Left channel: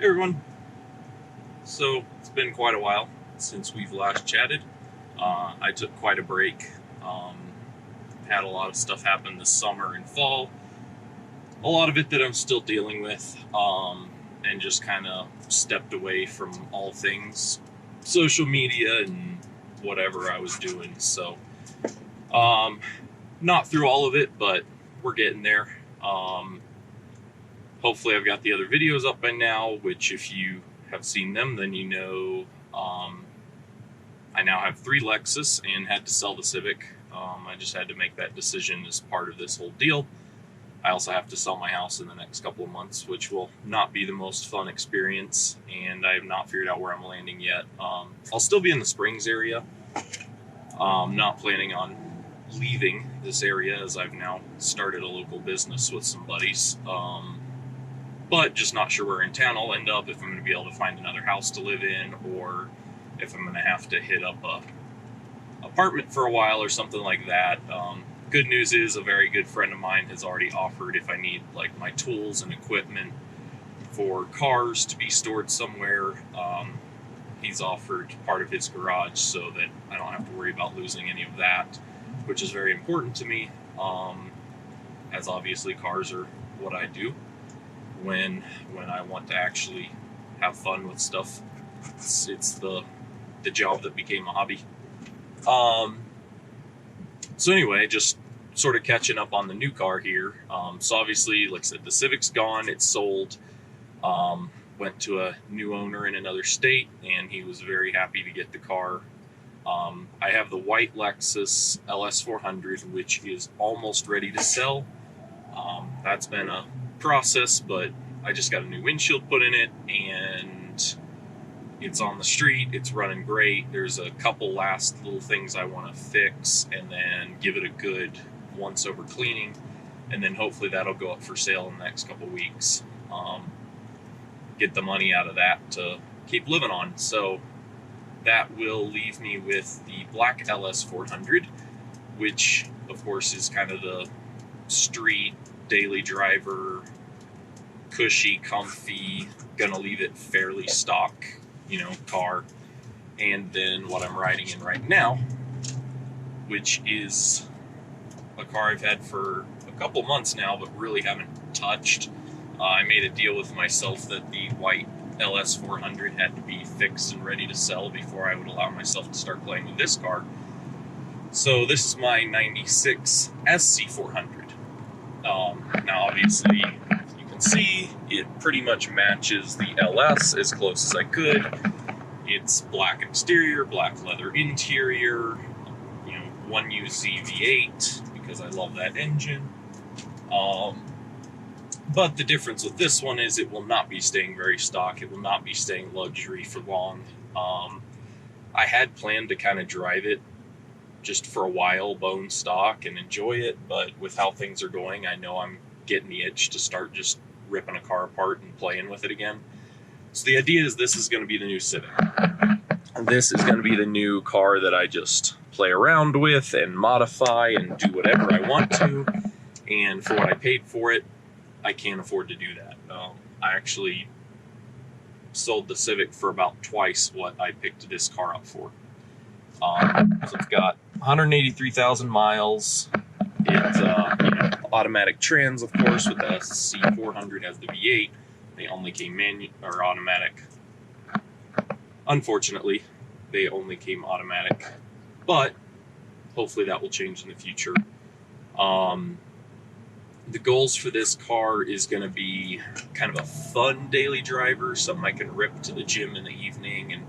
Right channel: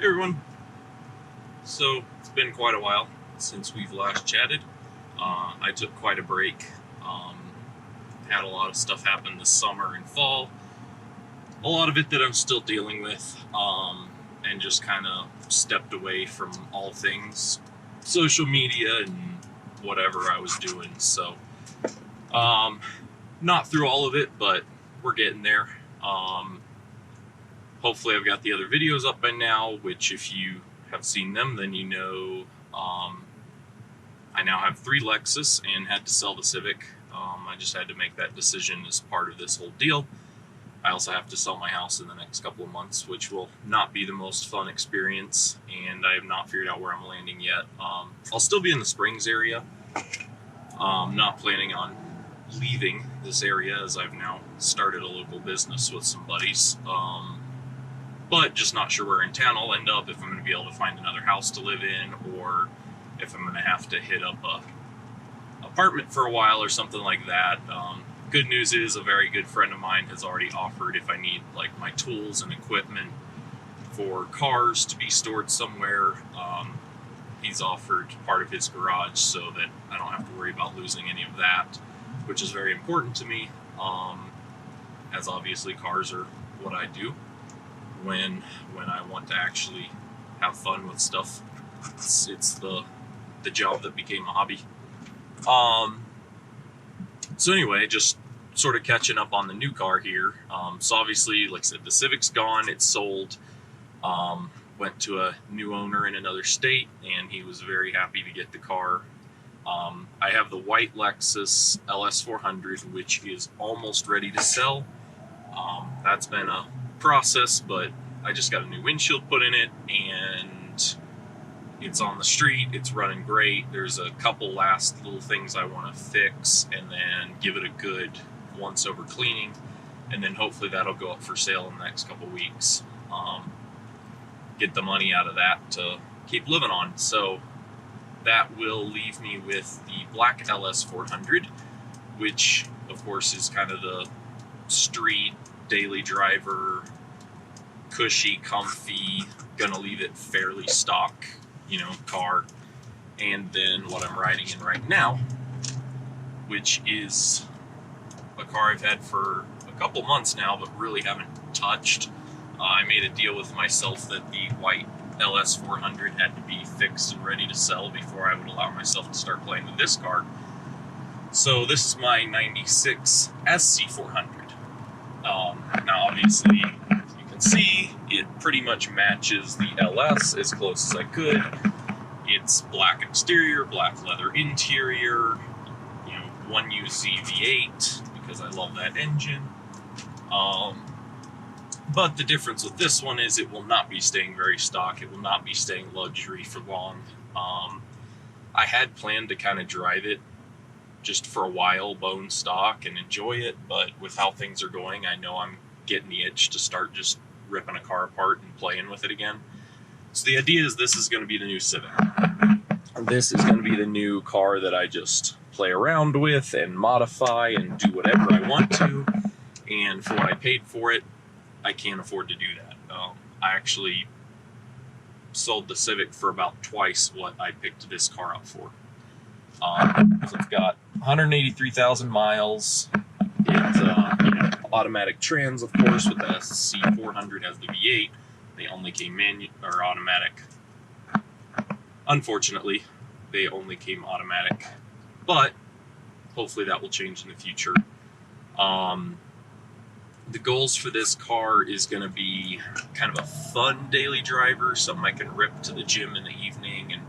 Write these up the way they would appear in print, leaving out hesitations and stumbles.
Hey everyone. So it's been quite a while since we've last chatted. I took quite a break. Had a lot of stuff happen this summer and fall. A lot of it that I'm still dealing with, and just kind of stepped away from all things social media and whatever I was doing. So not through all of it, but we're getting there. Hopefully I've got the other videos up by now, which if you have seen them, then you know I now have 3 Lexus and had to sell the Civic. I just had to make that decision as part of this whole deal. I also have to sell my house in the next couple of months, which will not be the most fun experience, and I have not figured out where I'm landing yet. I'll still be in the Springs area. Not planning on leaving this area, as I've now started a local business with some buddies. But just not sure where in town I'll end up, if I'm going to be able to find another house to live in, or if I'm going to have to hit up a apartment for a while or something like that. Good news is a very good friend of mine has already offered, if I need like my tools and equipment for cars to be stored somewhere, he's offered part of his garage so that I don't have to worry about losing any of that, which is very important to me, as obviously cars are what I do when I want to actually have fun with stuff. It's the job that became a hobby. So anyway, just sort of catching up on the new car here. So obviously, like I said, the Civic's gone, it's sold. Went to a new owner in another state, and he was very happy to get the car. I have the white Lexus LS400, which is almost ready to sell. That's been a process, but I just got a new windshield put in it, and it's on the street, it's running great. There's a couple last little things I want to fix, and then give it a good once over cleaning, and then hopefully that'll go up for sale in the next couple weeks. Get the money out of that to keep living on. So that will leave me with the black LS400, which of course is kind of the street daily driver, cushy, comfy, gonna leave it fairly stock, car. And then what I'm riding in right now, which is a car I've had for a couple months now, but really haven't touched. I made a deal with myself that the white LS400 had to be fixed and ready to sell before I would allow myself to start playing with this car. So this is my 96 SC400. Now obviously, you can see it pretty much matches the LS as close as I could. It's black exterior, black leather interior, 1UZ V8 because I love that engine. But the difference with this one is it will not be staying very stock. It will not be staying luxury for long. I had planned to kind of drive it just for a while, bone stock, and enjoy it, but with how things are going, I know I'm getting the itch to start just ripping a car apart and playing with it again. So the idea is this is going to be the new Civic. This is going to be the new car that I just play around with and modify and do whatever I want to. And for what I paid for it, I can't afford to do that. I actually sold the Civic for about twice what I picked this car up for. So it's got 183,000 miles. It's automatic trans, of course, with the SC400 has the V8. They only came automatic. Unfortunately, they only came automatic, but hopefully that will change in the future. The goals for this car is going to be kind of a fun daily driver, something I can rip to the gym in the evening and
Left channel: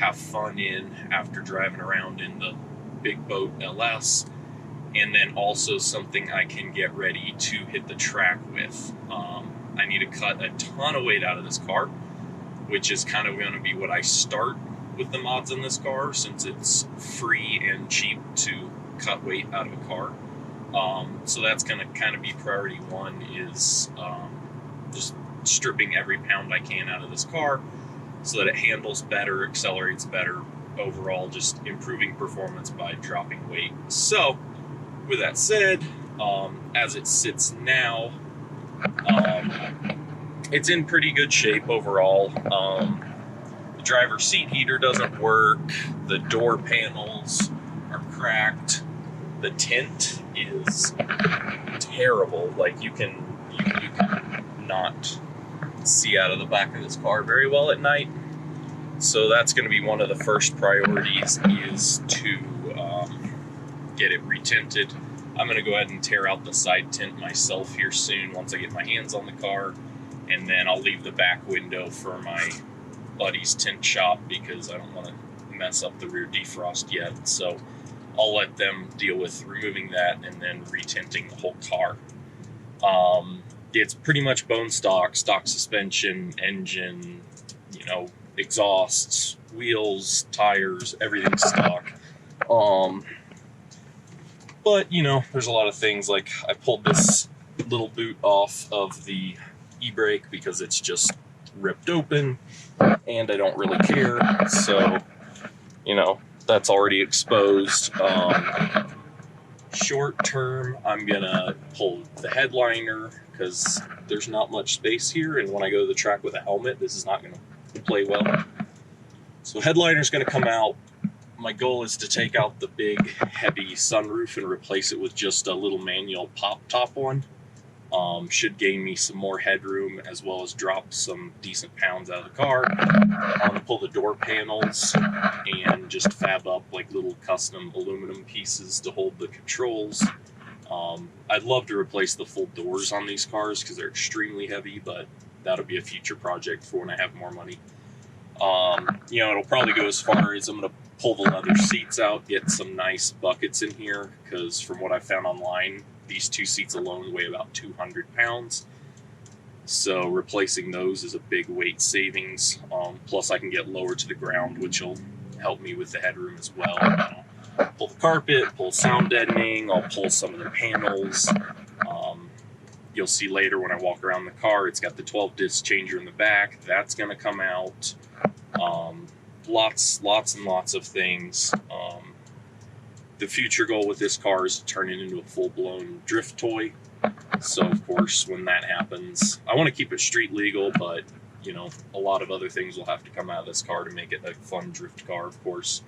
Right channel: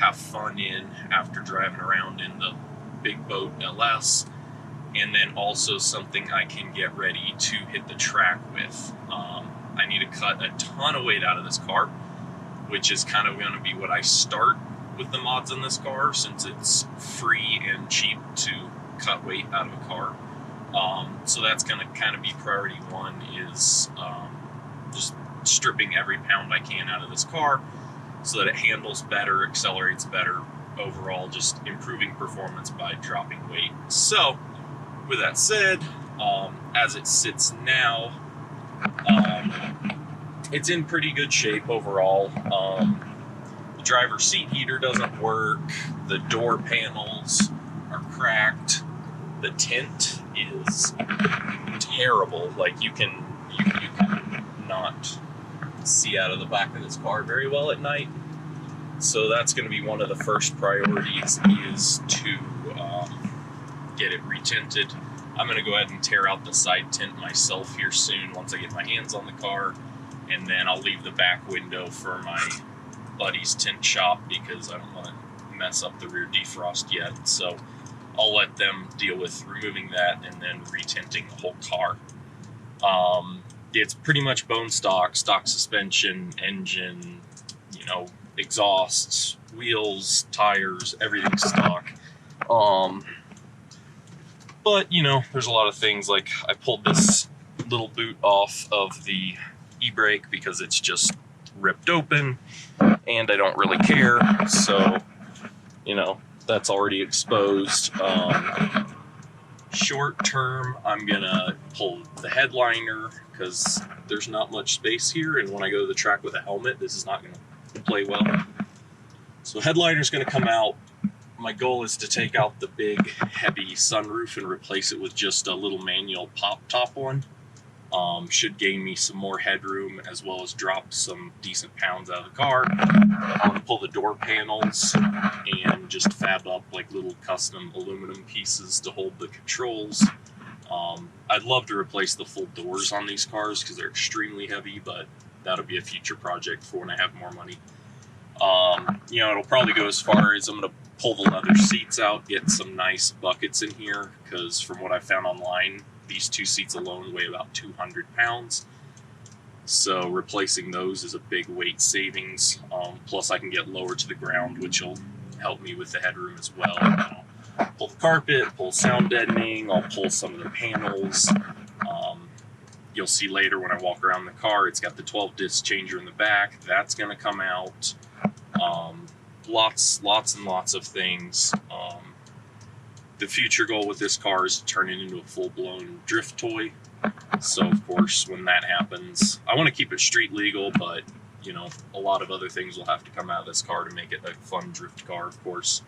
have fun in after driving around in the big boat LS, and then also something I can get ready to hit the track with. I need to cut a ton of weight out of this car, which is kind of going to be what I start with the mods in this car, since it's free and cheap to cut weight out of a car. So that's going to kind of be priority one, is just stripping every pound I can out of this car so that it handles better, accelerates better, overall just improving performance by dropping weight. So with that said, as it sits now, it's in pretty good shape overall. The driver's seat heater doesn't work. The door panels are cracked. The tint is terrible. Like you can not see out of the back of this car very well at night. So that's going to be one of the first priorities, is to get it retinted. I'm going to go ahead and tear out the side tint myself here soon once I get my hands on the car, and then I'll leave the back window for my buddy's tint shop because I don't want to mess up the rear defrost yet. So I'll let them deal with removing that and then retinting the whole car. It's pretty much bone stock suspension, engine, you know, exhausts, wheels, tires, everything's stock. But, you know, there's a lot of things, like I pulled this little boot off of the e-brake because it's just ripped open and I don't really care. So, you know, that's already exposed. Short term, I'm gonna pull the headliner because there's not much space here, and when I go to the track with a helmet, this is not gonna play well. So headliner's gonna come out. My goal is to take out the big heavy sunroof and replace it with just a little manual pop top one. Should gain me some more headroom as well as drop some decent pounds out of the car. I want to pull the door panels and just fab up like little custom aluminum pieces to hold the controls. I'd love to replace the full doors on these cars because they're extremely heavy, but that'll be a future project for when I have more money. You know, it'll probably go as far as I'm going to pull the leather seats out, get some nice buckets in here, because from what I found online, these two seats alone weigh about 200 pounds. So replacing those is a big weight savings. Plus I can get lower to the ground, which will help me with the headroom as well. I'll pull the carpet, pull sound deadening, I'll pull some of the panels. You'll see later when I walk around the car, it's got the 12-disc changer in the back. That's going to come out. Lots and lots of things. The future goal with this car is to turn it into a full-blown drift toy. So, of course, when that happens, I want to keep it street legal, but, you know, a lot of other things will have to come out of this car to make it a fun drift car, of course.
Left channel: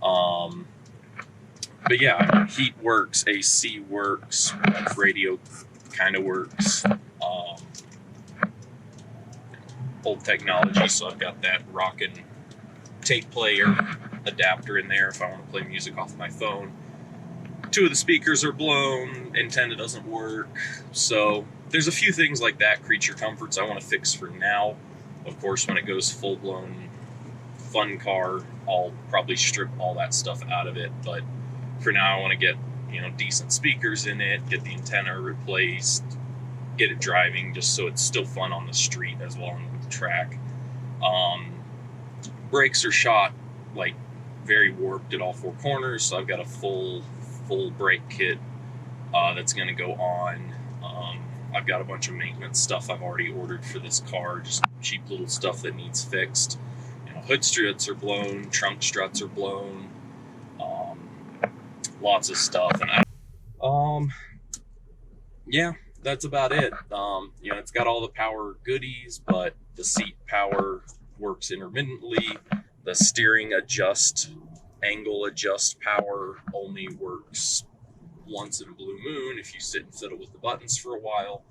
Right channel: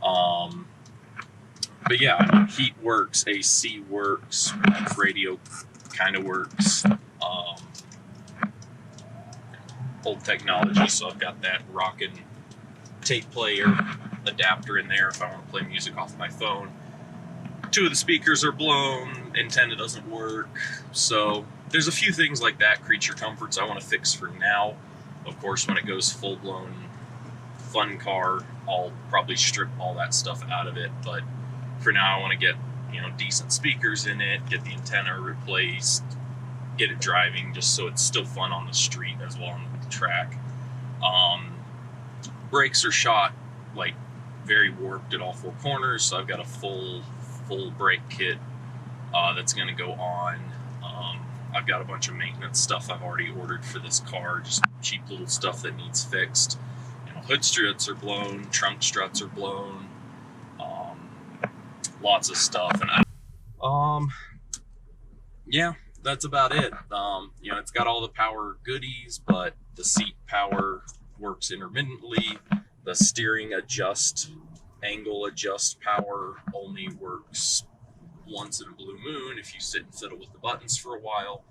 But yeah, I mean, heat works, AC works, radio kind of works. Old technology, so I've got that rockin' tape player adapter in there if I want to play music off my phone. Two of the speakers are blown, antenna doesn't work. So there's a few things like that, creature comforts, I want to fix for now. Of course, when it goes full-blown fun car, I'll probably strip all that stuff out of it. But for now, I want to get, you know, decent speakers in it, get the antenna replaced, get it driving just so it's still fun on the street as well on the track. Brakes are shot like very warped at all four corners, so I've got a full brake kit that's going to go on. I've got a bunch of maintenance stuff I've already ordered for this car, just cheap little stuff that needs fixed. You know, hood struts are blown, trunk struts are blown, lots of stuff. And yeah, that's about it. You know, it's got all the power goodies, but the seat power works intermittently. The steering angle adjust power only works once in a blue moon if you sit and fiddle with the buttons for a while.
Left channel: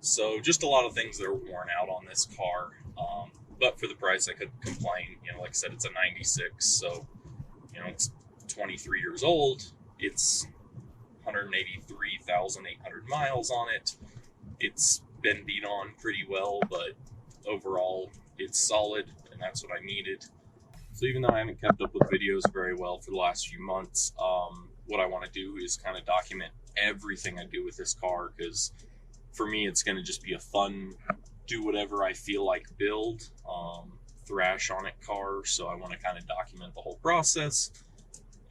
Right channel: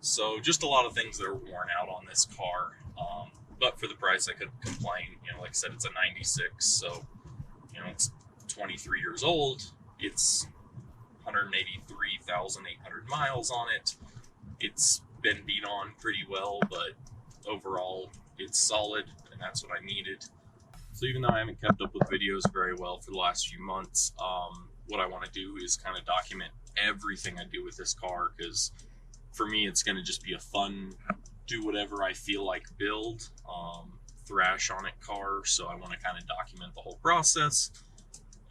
So just a lot of things that are worn out on this car. But for the price, I could complain. You know, like I said, it's a 96, so, you know, it's 23 years old. It's 183,800 miles on it. It's been beat on pretty well, but overall, it's solid, and that's what I needed. So even though I haven't kept up with videos very well for the last few months, what I want to do is kind of document everything I do with this car, because for me, it's going to just be a fun, do whatever I feel like build, thrash on it car. So I want to kind of document the whole process.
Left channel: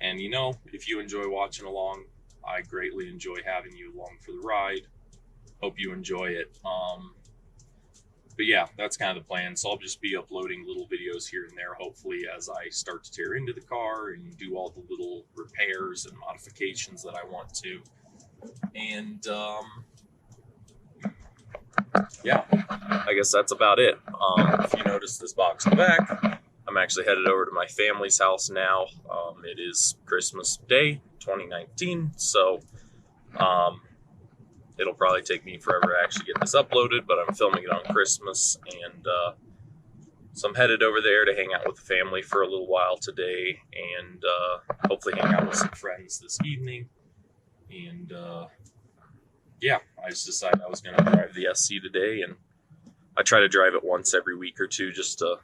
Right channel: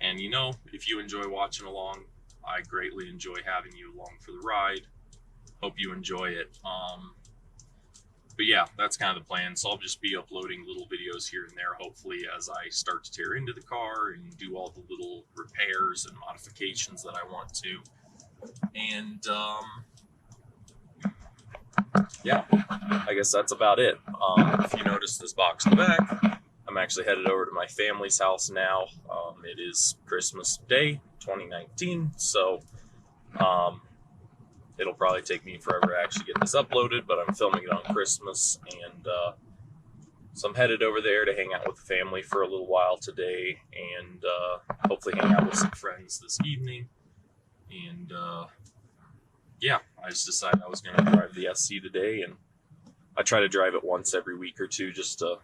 And, you know, if you enjoy watching along, I greatly enjoy having you along for the ride. Hope you enjoy it. But yeah, that's kind of the plan. So I'll just be uploading little videos here and there, hopefully, as I start to tear into the car and do all the little repairs and modifications that I want to. And yeah, I guess that's about it. If you notice this box in the back, I'm actually headed over to my family's house now. It is Christmas Day 2019, so it'll probably take me forever to actually get this uploaded, but I'm filming it on Christmas, and so I'm headed over there to hang out with the family for a little while today, and hopefully hang out with some friends this evening. And yeah, I just decided I was going to drive the SC today, and I try to drive it once every week or two just to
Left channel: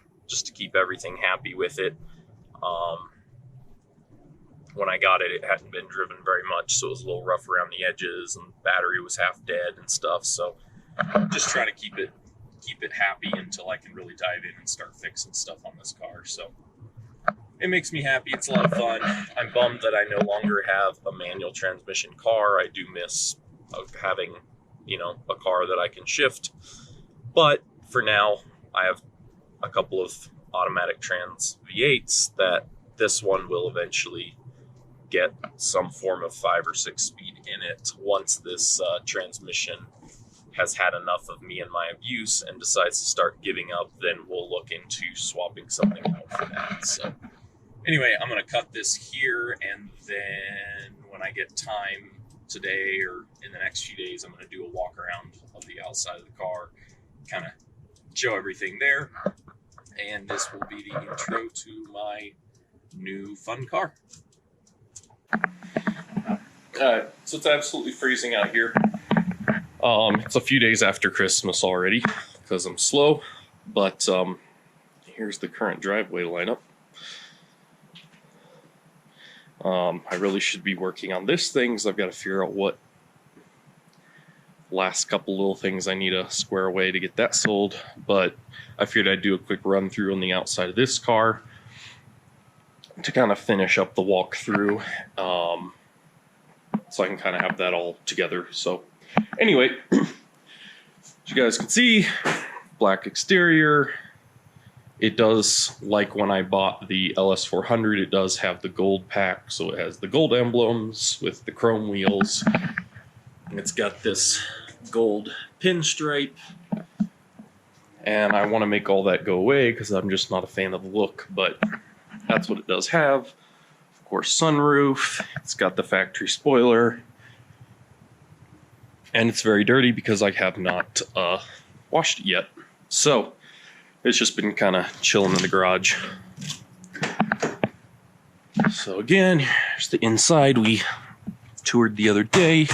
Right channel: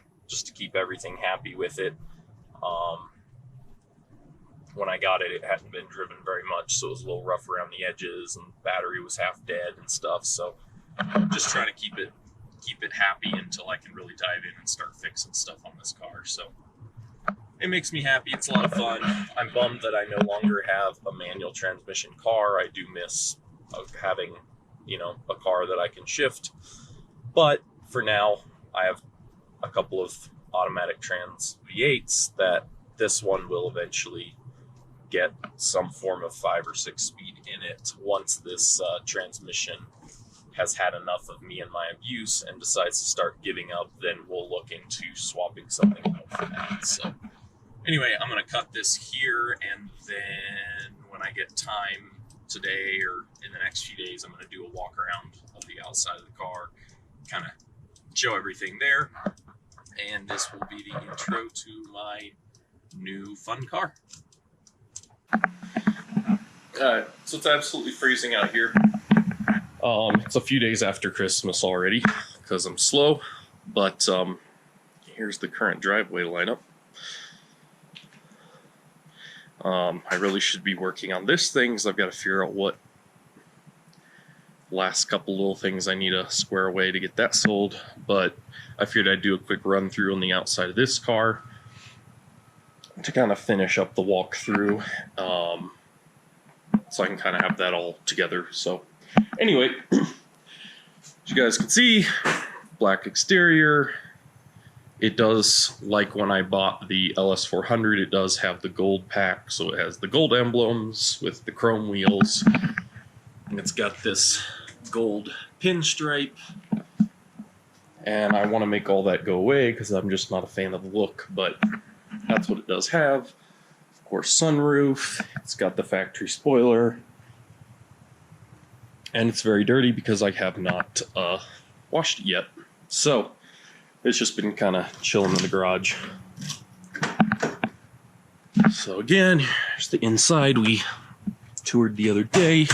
keep everything happy with it. When I got it, it hadn't been driven very much, so it was a little rough around the edges, and the battery was half dead and stuff. So just trying to keep it happy until I can really dive in and start fixing stuff on this car. So it makes me happy. It's a lot of fun. I'm bummed that I no longer have a manual transmission car. I do miss having, you know, a car that I can shift. But for now, I have a couple of automatic trans V8s that this one will eventually get some form of 5 or 6 speed in it once this transmission has had enough of me and my abuse and decides to start giving up. Then we'll look into swapping something out for that. So anyway, I'm going to cut this here, and then when I get time today or in the next few days, I'm going to do a walk around of the outside of the car, kind of show everything there, and this will be the intro to my new fun car. Alright, so it's absolutely freezing out here. It's a few days after Christmas already because I'm slow, but here's the current driveway lineup. I really should be working on this thing because I've got to figure out what last couple little things I need to square away to get that sold, but I figured I'd do a quick run through on the outside of this car to kind of finish up the walkthrough, so I can kind of have that all together. So anyway, as you guys can see, black exterior. It does, like when I bought the LS400, it does have the gold pack, so it has the gold emblems with the chrome wheels, and it's got this gold pinstripe, and I want to make all that go away because I'm just not a fan of the look, but that's what it does have. Of course, sunroof. It's got the factory spoiler, and it's very dirty because I have not washed it yet. So it's just been kind of chilling in the garage. So again, here's the inside we toured the other day.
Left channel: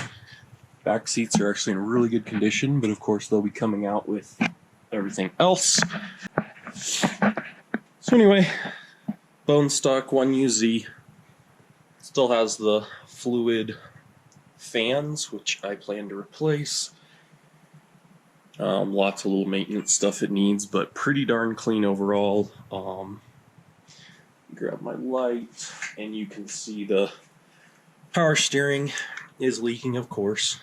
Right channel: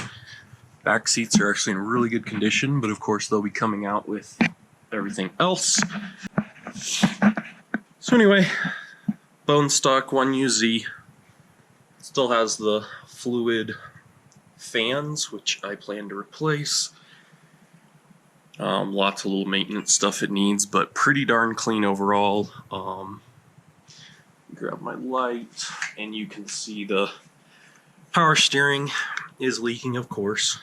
Back seats are actually in really good condition, but of course they'll be coming out with everything else. So anyway, bone stock 1UZ. Still has the fluid fans, which I plan to replace. Lots of little maintenance stuff it needs, but pretty darn clean overall. Grab my light, and you can see the power steering is leaking, of course.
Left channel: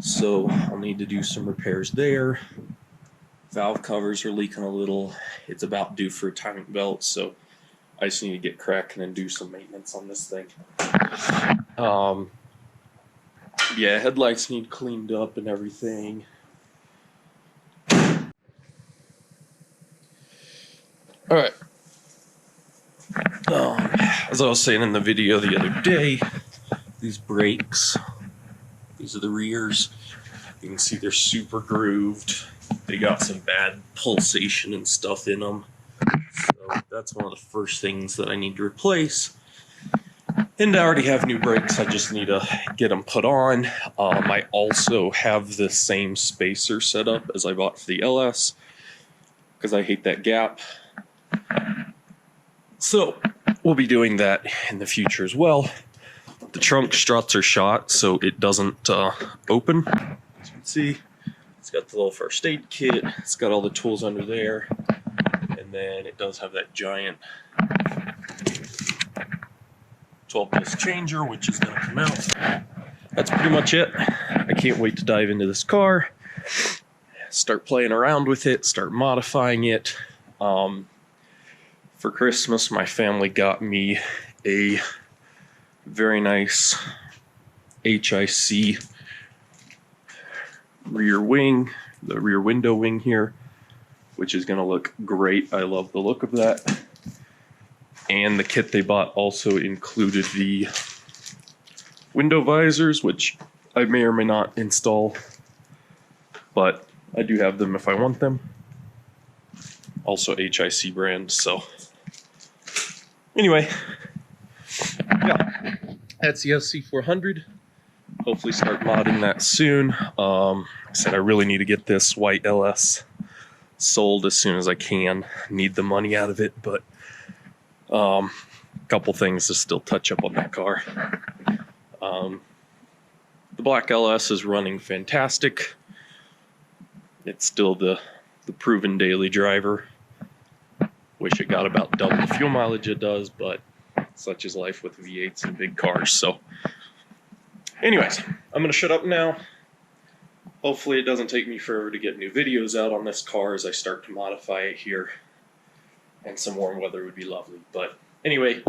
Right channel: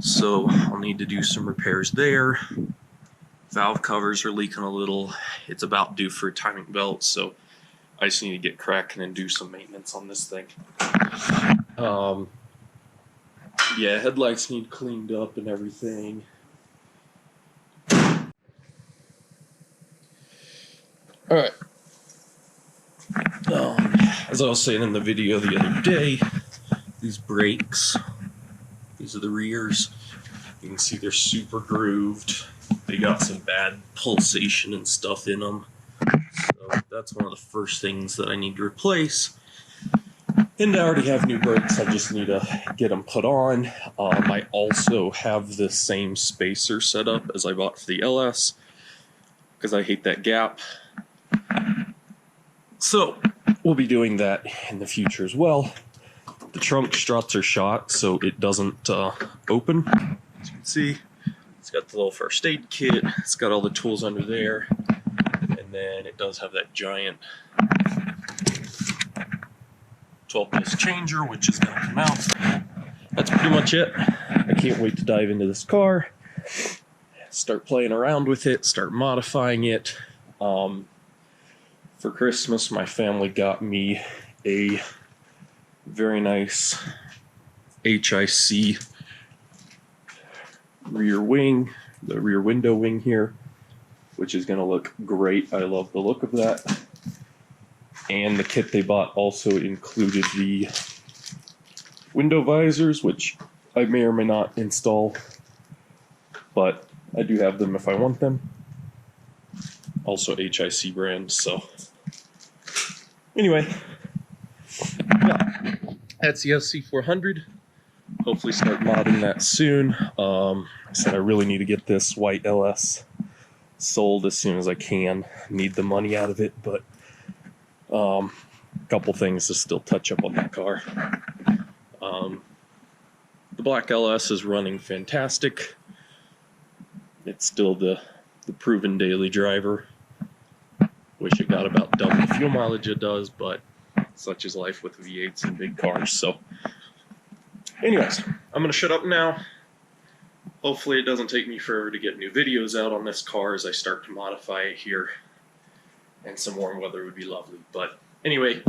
So I'll need to do some repairs there. Valve covers are leaking a little. It's about due for a timing belt, so I just need to get cracking and do some maintenance on this thing. Yeah, headlights need cleaned up and everything. Alright. As I was saying in the video the other day, these brakes, these are the rears. You can see they're super grooved. They got some bad pulsation and stuff in them. So that's one of the first things that I need to replace. And I already have new brakes, I just need to get them put on. I also have the same spacer set up as I bought for the LS, because I hate that gap. So we'll be doing that in the future as well. The trunk struts are shot, so it doesn't open. As you can see, it's got the little first aid kit, it's got all the tools under there, and then it does have that giant 12-disc changer, which is going to come out. That's pretty much it. I can't wait to dive into this car, start playing around with it, start modifying it. For Christmas, my family got me a very nice HIC rear wing, the rear window wing here, which is going to look great. I love the look of that. And the kit they bought also included the window visors, which I may or may not install, but I do have them if I want them. Also HIC brand, so anyway, yeah, that's the SC400. Hopefully start modding that soon. Like I said, I really need to get this white LS sold as soon as I can. Need the money out of it, but a couple things to still touch up on that car. The black LS is running fantastic. It's still the proven daily driver. Wish it got about double the fuel mileage it does, but such is life with V8s and big cars. So anyways, I'm going to shut up now. Hopefully it doesn't take me forever to get new videos out on this car as I start to modify it here. And some warm weather would be lovely. But anyway,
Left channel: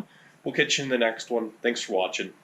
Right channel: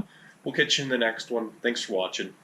we'll catch you in the next one. Thanks for watching.